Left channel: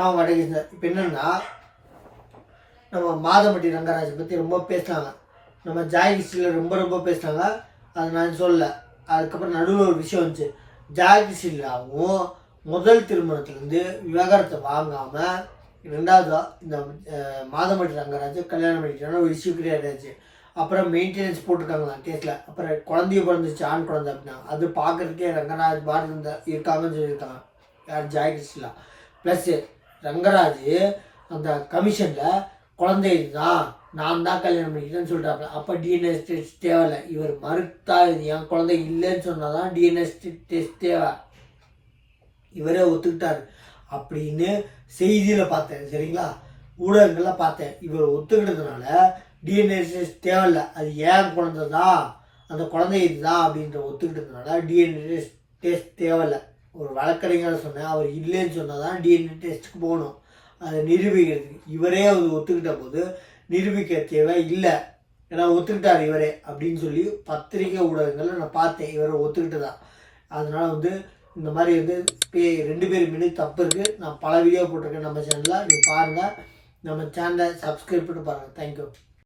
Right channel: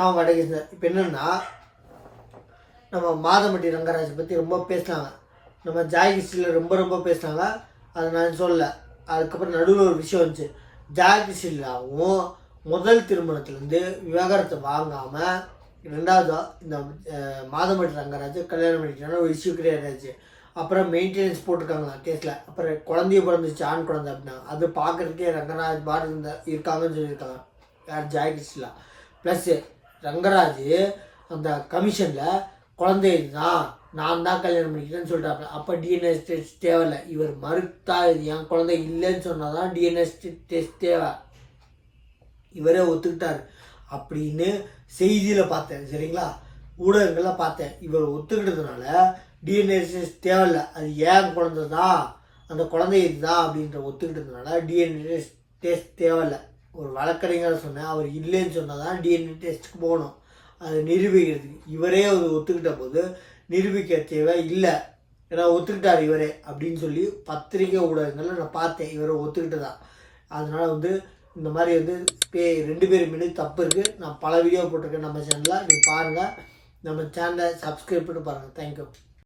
நான் வடகேசன். இப்போ என்னென்னா, நம்ம மாதம்பட்டி ரங்கராஜை பற்றி ரொம்ப பேசினாங்க, நம்ம ஜாய் ஹிஸ்ட்ரியில் ரொம்ப பேசினாங்க. அது நான் சொல்லலை. அதுக்கப்புறம் நடுவில் ஒரு விஷயம் வந்துச்சு. ஜாய் ஹிஸ்ட்ரியிலாவும் முதல் திருமணத்துலேருந்து விவாகரத்தை வாங்காமல் ரெண்டாவது இந்த மாதம்பட்டி ரங்கராஜ் கல்யாணம் பண்ணிக்கிட்டான ஒரு இஷ்யூ கிரியேட் ஆச்சு. அப்புறம் மெயின்டெனன்ஸ் போட்டிருக்காங்களா கேஸில். அப்புறம் குழந்தைய பிறந்துச்சு, ஆண் குழந்தை அப்படின்னா அது பார்க்குறதுக்கே ரங்கராஜ் பாரதி இருக்காங்கன்னு சொல்லியிருக்காங்க. யார்? ஜாய் ஹிஸ்ட்ரியில். ப்ளஸ்ஸு ரங்கராஜ் அந்த கமிஷனில் குழந்தை தான் நான் தான் கல்யாணம் பண்ணிக்கிட்டேன்னு சொல்லிட்டாங்க. அப்போ டிஎன்ஏ டெஸ்ட் தேவையில்லை. இவர் மறுத்தா இது என் குழந்தை இல்லைன்னு சொன்னால் தான் டிஎன்ஏ டெஸ்ட் தேவை. இவரே ஒத்துக்கிட்டார் அப்படின்னு செய்தியில் பார்த்தேன். சரிங்களா? ஊடகங்களில் பார்த்தேன். இவர் ஒத்துக்கிட்டதுனால டிஎன்ஏ டெஸ்ட் தேவையில்லை, அது ஏன் குழந்தை தான், அந்த குழந்தை இதுதான் அப்படின்ற ஒத்துக்கிட்டதுனால டிஎன்ஏ டெஸ்ட் தேவையில்லை. ஒரு வழக்கறிஞர் சொன்னேன், அவர் இல்லைன்னு சொன்னால் தான் டிஎன்ஏ டெஸ்ட்டுக்கு போகணும், அதை நிரூபிக்கிறதுக்கு. இவரே அவர் ஒத்துக்கிட்ட போது நிரூபிக்க தேவை இல்லை, ஏன்னா ஒத்துக்கிட்டார் இவரே அப்படின்னு சொல்லி பத்திரிகை ஊடகங்களில் நான் பார்த்தேன். இவரை ஒத்துக்கிட்டு தான். அதனால் இந்த மாதிரி 2 பேர் மீது தப்பு இருக்குது. நான் பல வீடியோ போட்டிருக்கேன் நம்ம சேனலில், நீங்கள் பாருங்கள். நம்ம சேனலை சப்ஸ்கிரைப் பண்ணி பாருங்கள். தேங்க்யூ.